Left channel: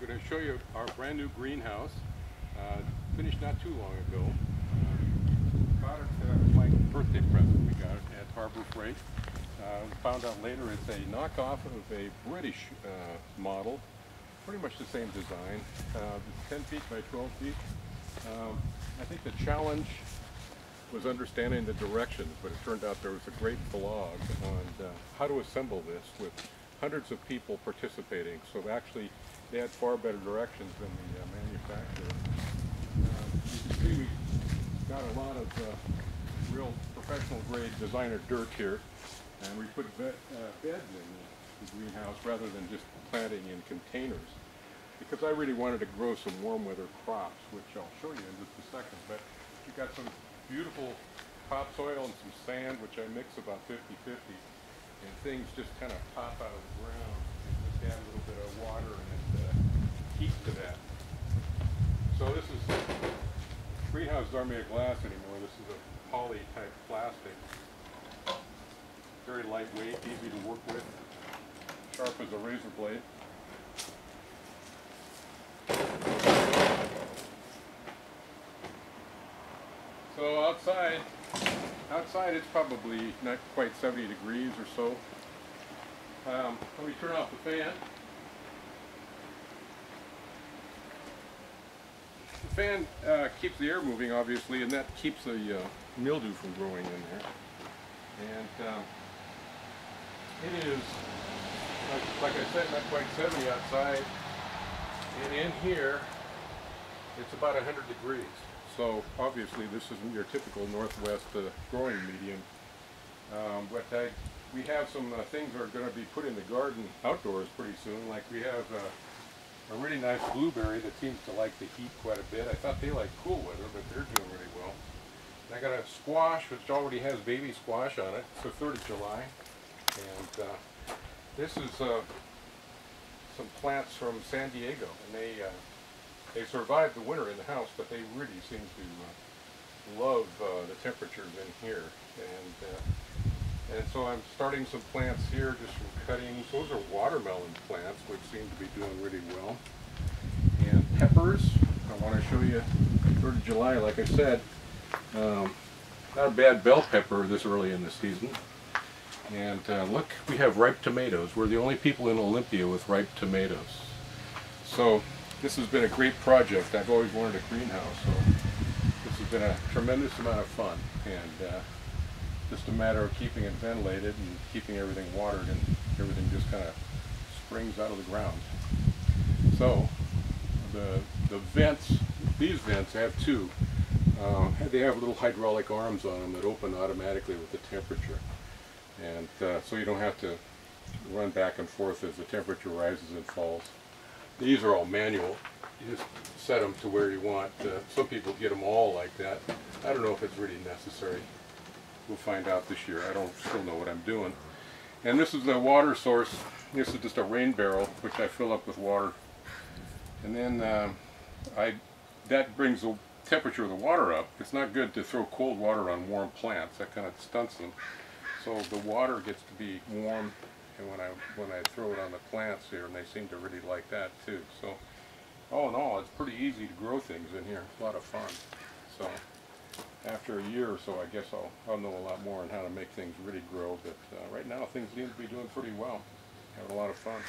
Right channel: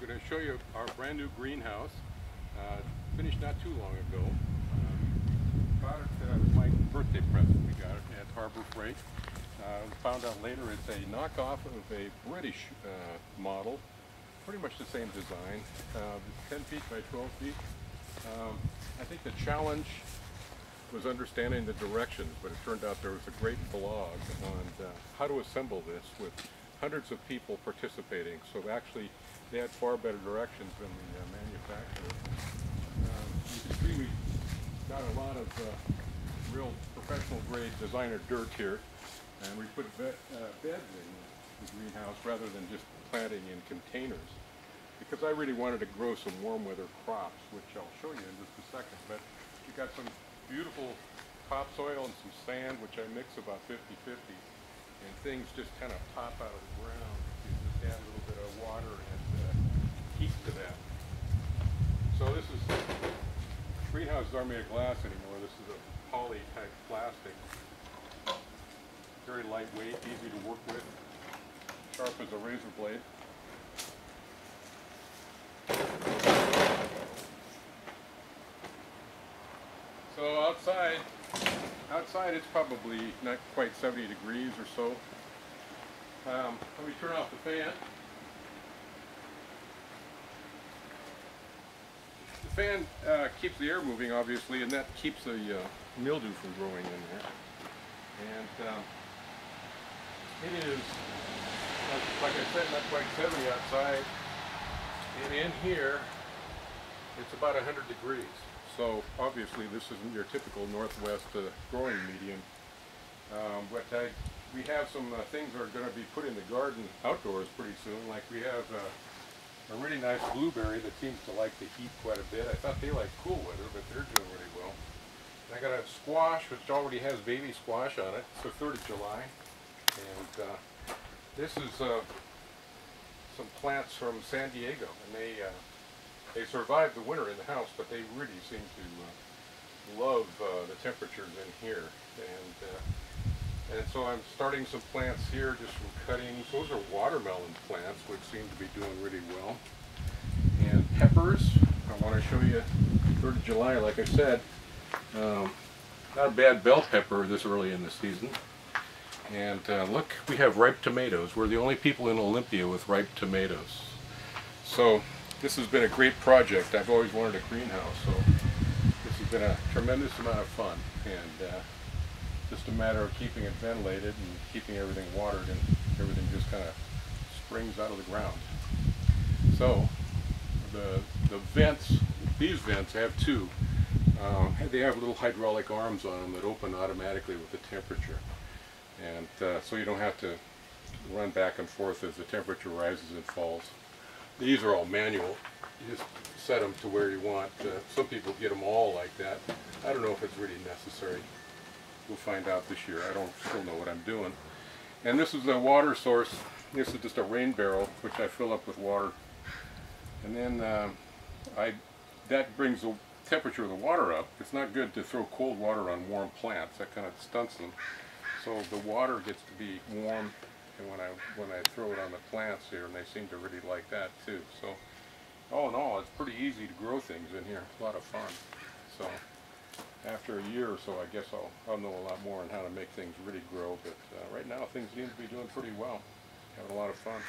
I'm going to show you our brand new greenhouse. Finished not too long ago. Got it was my birthday present. We got it at Harbor Freight. Found out later it's a knockoff of a British model. Pretty much the same design. It's 10 feet by 12 feet. I think the challenge was understanding the directions, but it turned out there was a great blog on how to assemble this with hundreds of people participating. So actually they had far better directions than the manufacturer. You can see we got a lot of real professional grade designer dirt here, and we put beds in the greenhouse rather than just planting in containers, because I really wanted to grow some warm weather crops, which I'll show you in just a second. But we got some beautiful topsoil and some sand, which I mix about 50-50, and things just kind of pop out of the ground. You just add a little bit of water and heat to that. So this is, greenhouses aren't made of glass anymore. This is a poly type plastic. Very lightweight, easy to work with, sharp as a razor blade. So outside it's probably not quite 70 degrees or so. Let me turn off the fan. The fan keeps the air moving, obviously, and that keeps the mildew from growing in there. And it is, like I said, not quite 70 outside. And in here, it's about 100 degrees. So obviously this isn't your typical northwest growing medium. But we have some things that are going to be put in the garden outdoors pretty soon. Like we have a really nice blueberry that seems to like the heat quite a bit. I thought they like cool weather, but they're doing really well. And I got a squash which already has baby squash on it. It's the 3rd of July. And this is some plants from San Diego, and they survived the winter in the house, but they really seem to love the temperatures in here. And so I'm starting some plants here just from cuttings. Those are watermelon plants, which seem to be doing really well. And peppers, I want to show you 3rd of July, like I said. Not a bad bell pepper this early in the season. And look, we have ripe tomatoes. We're the only people in Olympia with ripe tomatoes. So this has been a great project. I've always wanted a greenhouse, so this has been a tremendous amount of fun. And just a matter of keeping it ventilated and keeping everything watered, and everything just kind of springs out of the ground. So the vents, these vents have two. They have little hydraulic arms on them that open automatically with the temperature. And so you don't have to run back and forth as the temperature rises and falls. These are all manual. You just set them to where you want. Some people get them all like that. I don't know if it's really necessary. We'll find out this year. I don't still know what I'm doing. And this is the water source. This is just a rain barrel, which I fill up with water. And then that brings the temperature of the water up. It's not good to throw cold water on warm plants. That kind of stunts them. So the water gets to be warm, and when I throw it on the plants here, and they seem to really like that too. So all in all, it's pretty easy to grow things in here. It's a lot of fun. So after a year or so, I guess I'll know a lot more on how to make things really grow. But right now, things seem to be doing pretty well. Having a lot of fun.